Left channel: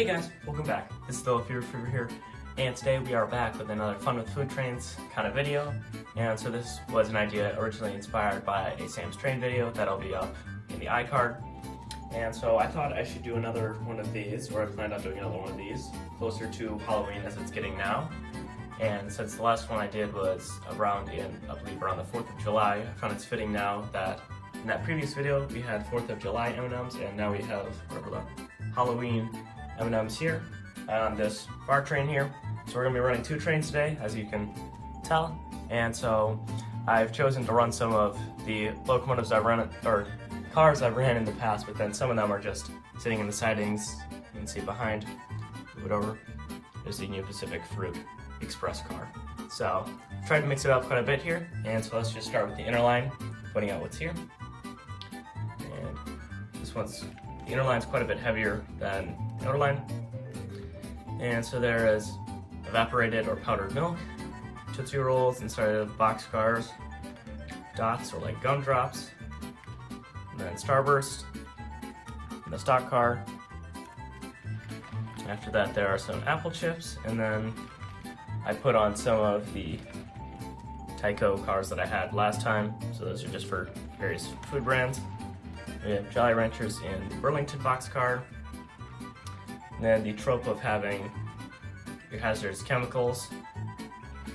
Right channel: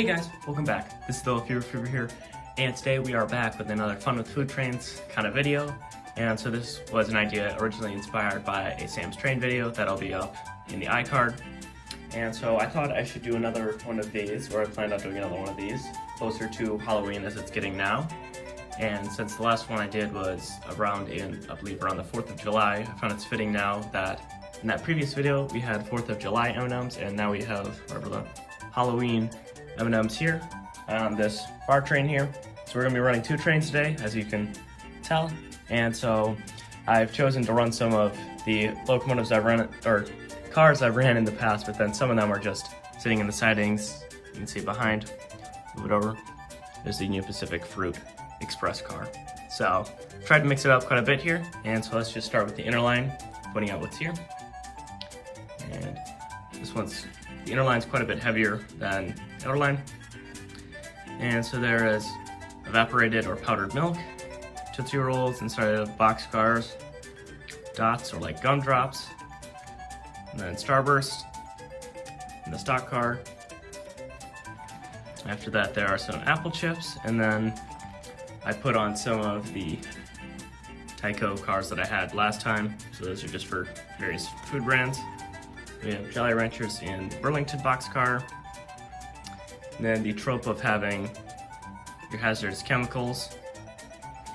Hey guys, welcome back. This is still Fever here, and today we are back with another Fun with Food Trains kind of video. And so this was an idea originally inspired by a Sam's Train video that'll be up in the iCard. And so I thought I should do another one of these, or I planned on doing another one of these, closer to Halloween as it's getting now. And since the last one I did was around I believe around the 4th of July, I found it's fitting now that in that previous video we had 4th of July M&Ms, and now we have whatever the Halloween M&Ms here on this bar train here. So we're going to be running two trains today, as you can tell. And so I've chosen to run some of the locomotives I've run, or cars I've ran in the past, but then some of them are just sitting in the sidings. You can see behind, move it over, there's the Union Pacific Fruit Express car. So tried to mix it up quite a bit here, and so let's just start with the inner line, pointing out what's here. And the inner line's quite a bit heavier than the outer line. And so there is evaporated or powdered milk, Tootsie Rolls inside of boxcars, dots or like gumdrops, and then Starburst in the stock car. After that there are some apple chips, and then I put on some of the Tyco cars that I had last time, so those are just for various food brands. We have Jolly Ranchers in the Burlington boxcar, and then the trope of having your hazardous chemicals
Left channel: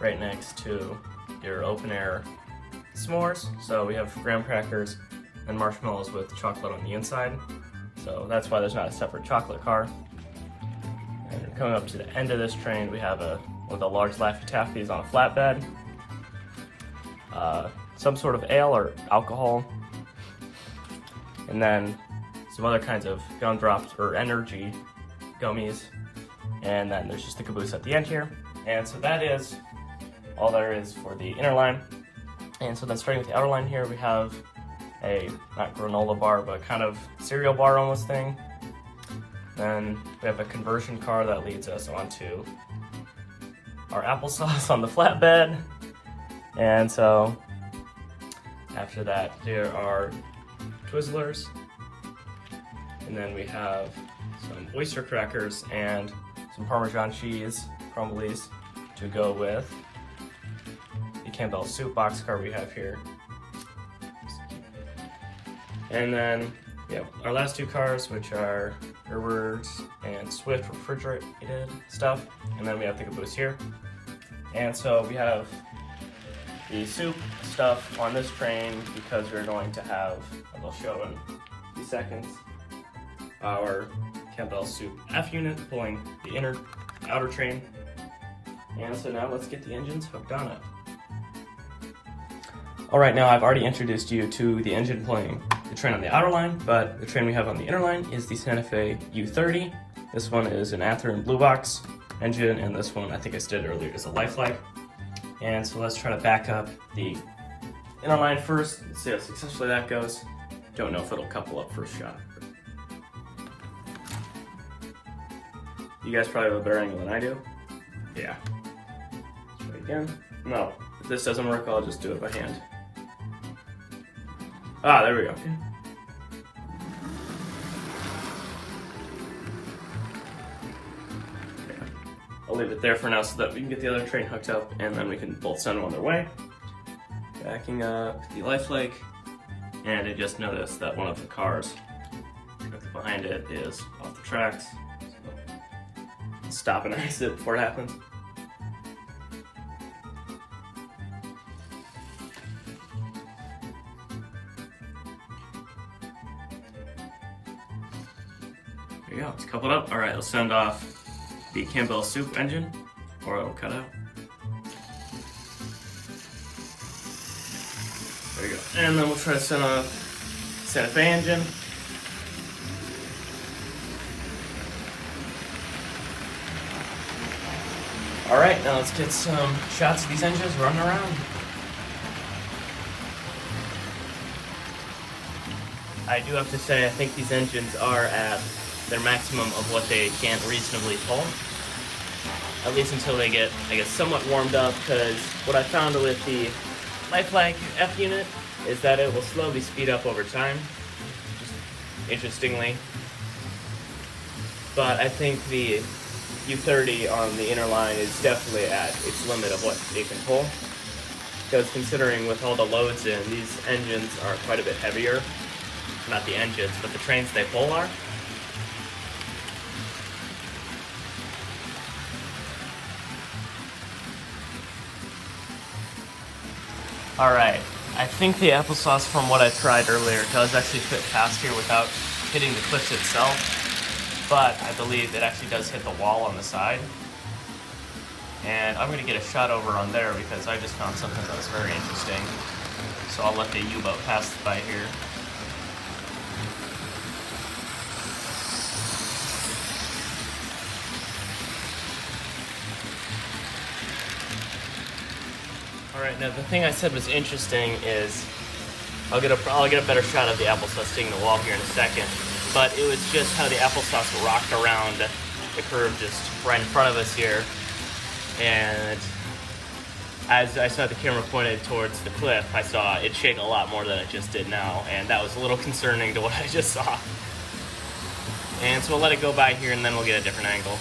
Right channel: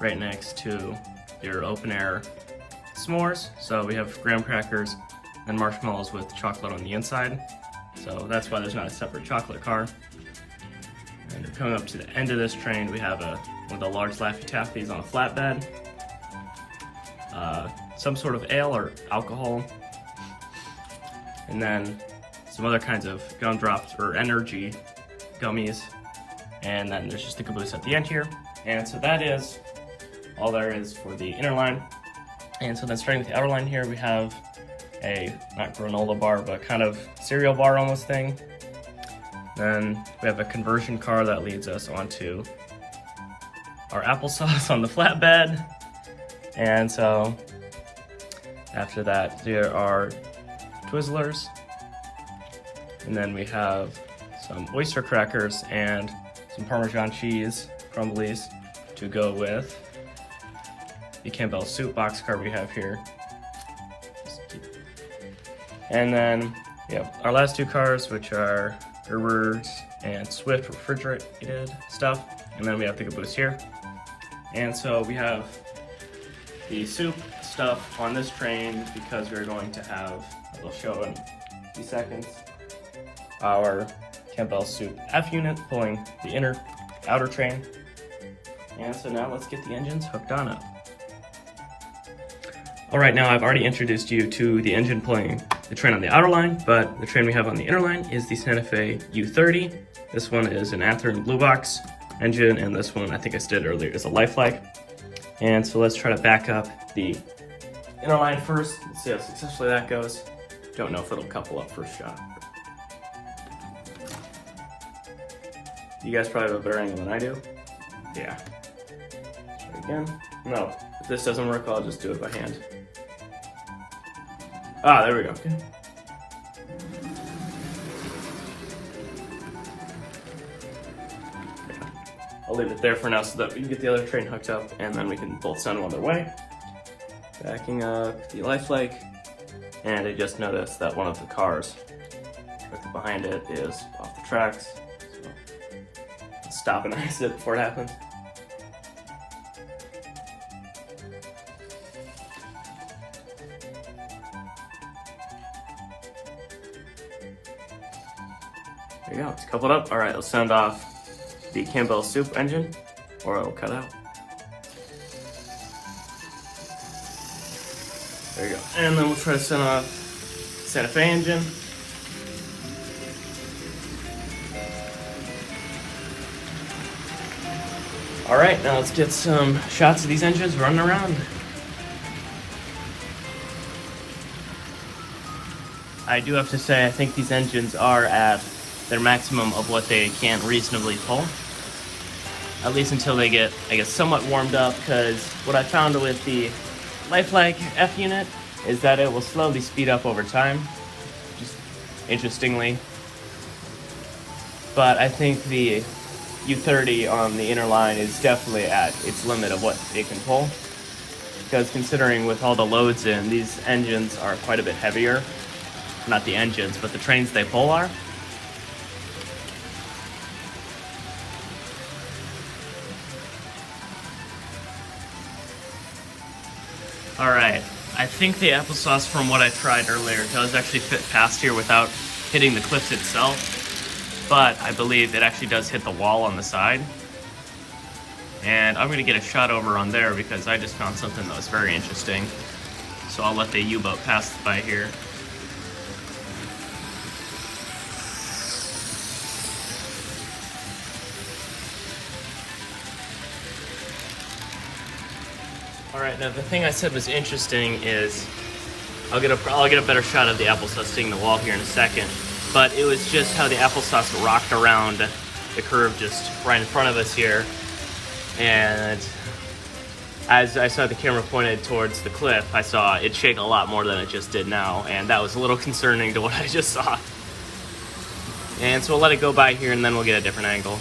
right next to your open air s'mores. So we have graham crackers and marshmallows with chocolate on the inside, so that's why there's not a separate chocolate car. And coming up to the end of this train, we have one of the large Laffy Taffies on a flatbed, some sort of ale or alcohol, and then some other kinds of gumdrops or energy gummies, and then there's just the caboose at the end here. And so that is all there is for the inner line. And so then starting with the outer line here, we have a, not granola bar, but kind of cereal bar almost thing. Then we have a conversion car that leads us onto our applesauce on the flatbed. And so after that there are Twizzlers, and then we have some oyster crackers and some Parmesan cheese crumblies to go with the Campbell soup boxcar we have here. And then our last two cars, which are Gerber's and Swift refrigerated stuff, and then we have the caboose here. And so we have the soup stuff on this train because we're going to have, as I'll show in a few seconds, our Campbell Soup F unit pulling the outer train. And so now let's get the engines hooked on up. Alright, now I've already introduced you to the engine pulling the train on the outer line, but the train we have on the inner line is the Santa Fe U30. This one is an Anther and Blue Box engine, and this one, I think I said earlier, is a Lifelike. And so let's try to back up the inner line first. Let's see how successfully that goes. Don't know if it'll couple up first shot. You guys probably have a better angle than I do. Yeah. Try again. No, if this doesn't work, I'll just do it by hand. Ah, there we go. Okay. I'll leave it there for now so that we can get the other train hooked up, and then we can both send them on their way. Backing up the Lifelike, and I just noticed that one of the cars directly behind it is off the tracks. So I'll stop and ice it before it happens. There you go, it's coupled up. All right, let's send off the Campbell Soup engine, or it'll cut out. There you go. And then we'll try to send off Santa Fe engine. All right, now let's get some shots of these engines running around. I do have to say, I think these engines are at their maximum of what they can reasonably pull. At least until they get, I guess, somewhat warmed up, because what I found with the Lifelike F unit is that it will slowly speed up over time, interestingly. but I think the U30 on the inner line is definitely at its limit of what they can pull. Because considering with all the loads in, these engines are quite a bit heavier. Not the engines, but the trains they pull are. Alright, I think the applesauce from what I tried earlier does actually fit past here without hitting the cliff itself, but I believe it actually does hit the wall on the side. And I'm going to get a shot over on there because I just found something that was very interesting. So I'll let the U-boat pass by here. Alright, now the thing I said was interesting is I'll get a better shot of the applesauce hitting the wall here in a second, but it was just how the applesauce rocked around the curve just right in front of us here, and as I saw the camera pointed towards the cliff, I saw it shake a lot more than it just did now, and that was a little concerning to what I just saw. And so we'll let it go by here and then we'll get a different angle.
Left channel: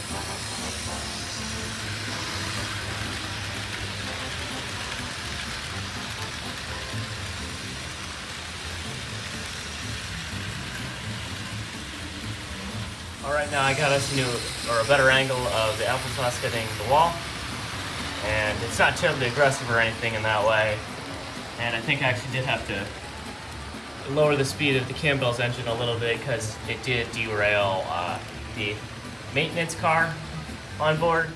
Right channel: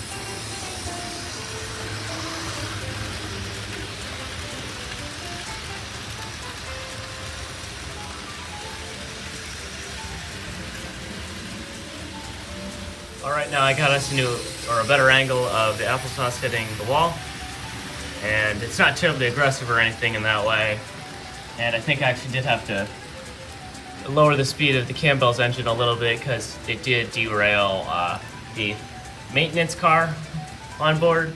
Alright, now I got us a better angle of the applesauce hitting the wall. And it's not terribly aggressive or anything in that way. And I think I actually did have to lower the speed of the Campbell's engine a little bit because it did derail the maintenance car on board.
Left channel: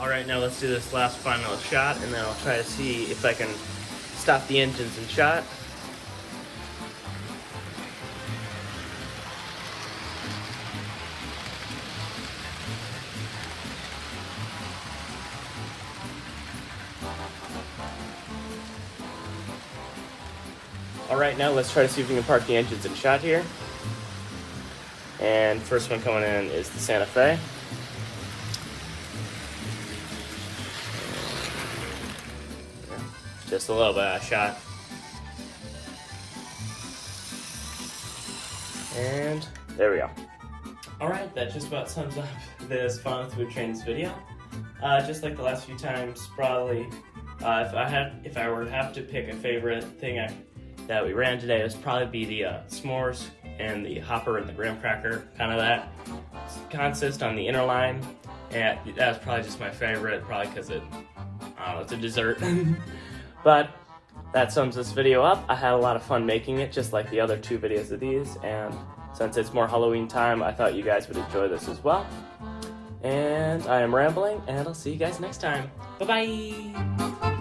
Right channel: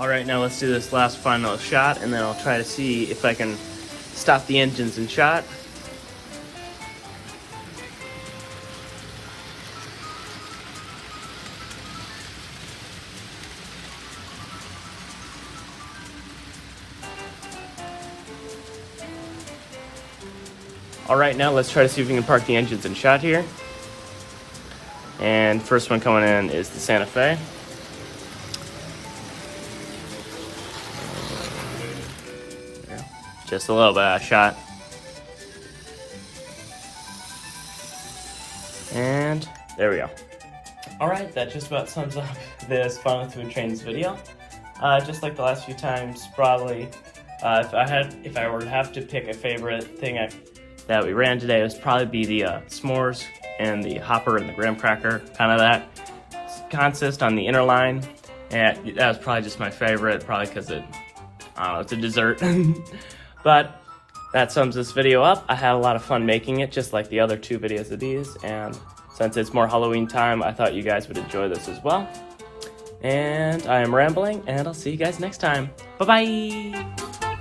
Alright, now let's do this last final shot, and then I'll try to see if I can stop the engines in shot. Alright, now let's try to see if we can park the engines in shot here. And first one coming in is the Santa Fe. Just a little bit of shot. And there we go. Alright, that just about sums up this Fun with Food Trains video. Just like the last few times, probably, if I were to have to pick a favorite thing that we ran today, it would probably be the s'mores and the hopper and the graham cracker, kind of that consist on the inner line. And that was probably just my favorite, probably because it's a dessert. But that sums this video up. I had a lot of fun making it, just like the other two videos of these, and since it's more Halloween time, I thought you guys would enjoy this as well. And I am rambling, and I'll see you guys next time. Bye-bye!